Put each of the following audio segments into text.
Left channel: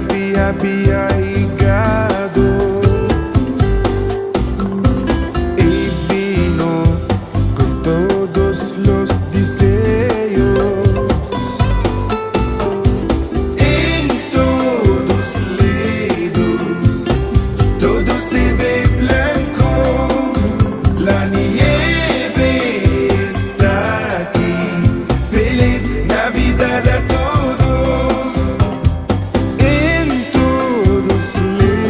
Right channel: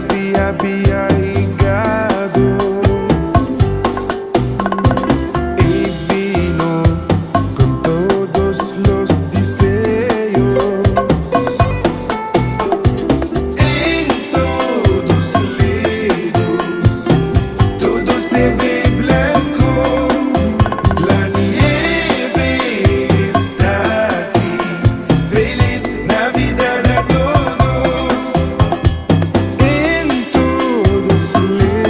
había llegado y vino con todos los deseos. En todos lados todo se ve blanco, la nieve está aquí. Feliz Navidad a todos. En todos lados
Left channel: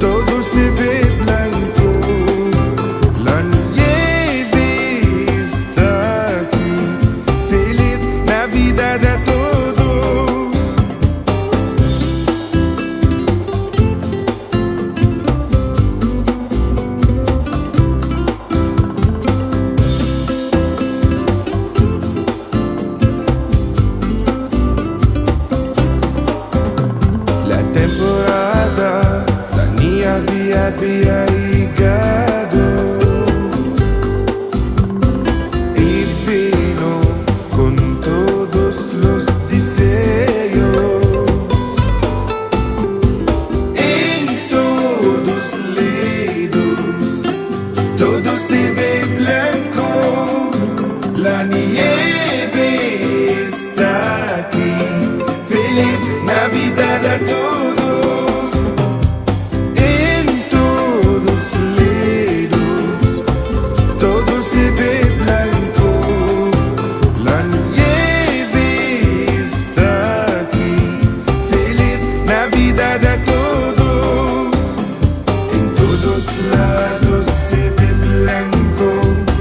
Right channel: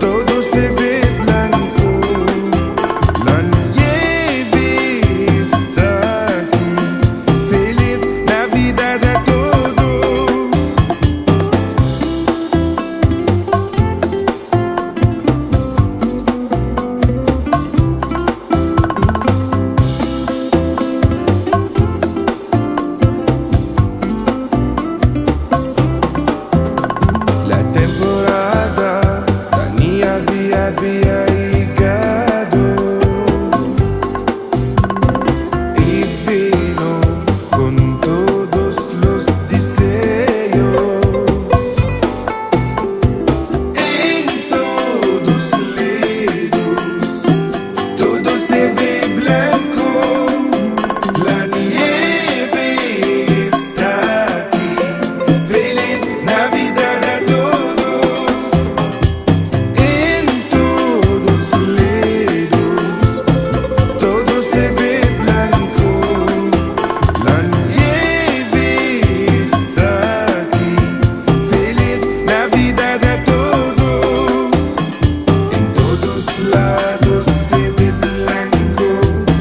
todo se ve blanco, la nieve está aquí. Feliz Navidad a todos. La temporada la nieve había llegado y vino con todos los deseos. En todos lados todo se ve blanco, la nieve está aquí. Feliz Navidad a todos. En todos lados todo se ve blanco, la nieve está aquí. Feliz Navidad a todos. En todos lados se ve blanco,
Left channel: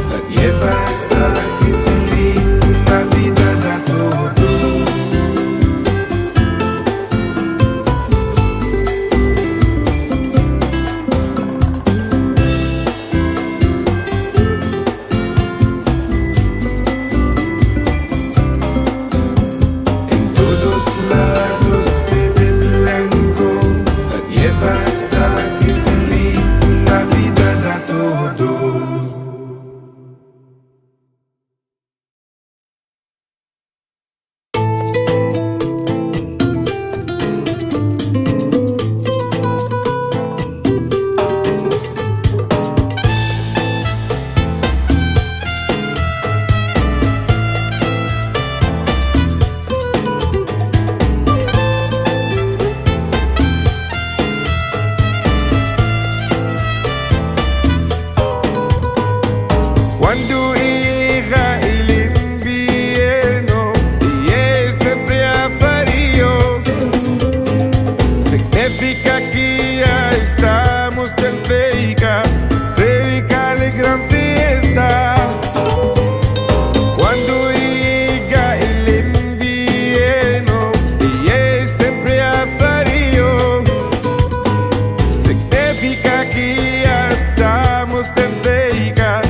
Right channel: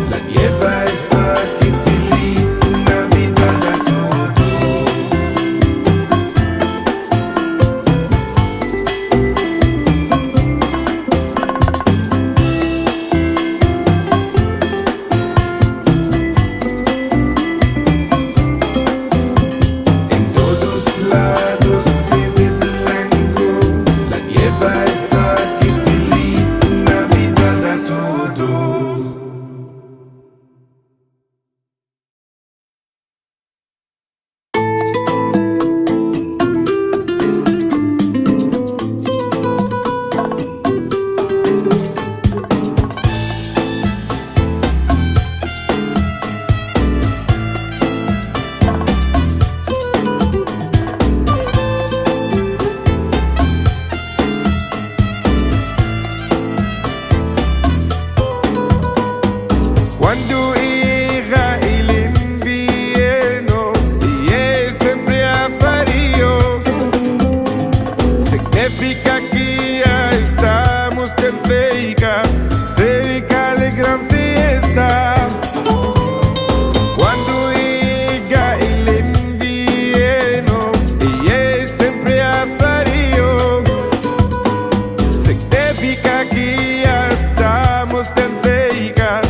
la nieve está aquí. Feliz Navidad a todos. En todos lados se ve blanco, la nieve está aquí. Feliz Navidad a todos. Cuando llega el invierno y es siempre a frío, significa que ya estamos tan cerca la gran fiesta. Cuando llega el invierno y es siempre a frío, significa que ya estamos tan cerca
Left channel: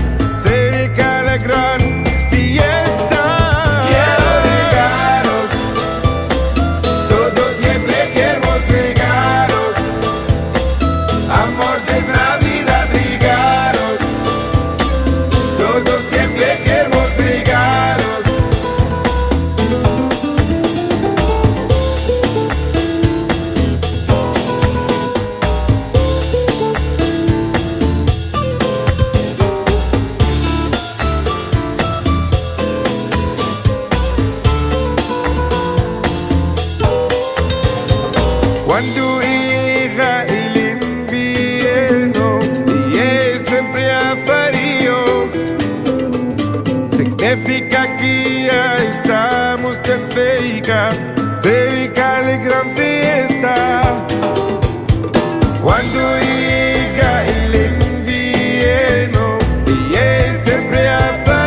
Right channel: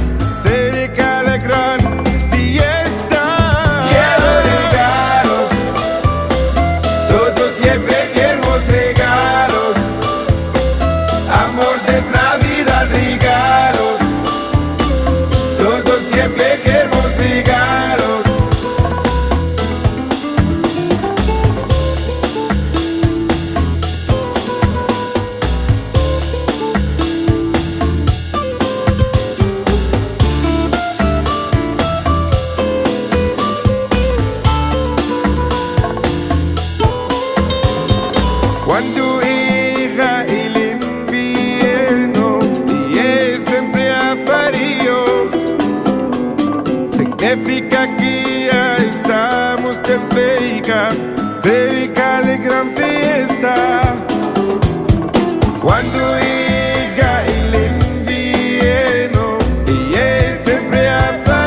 la gran fiesta. Quiero regalos, todos siempre queremos regalos. Amor de Navidad, regalos, todos siempre queremos regalos. Cuando llega el invierno y es siempre a frío, significa que ya estamos tan cerca la gran fiesta. Cuando llega el invierno y es siempre a frío,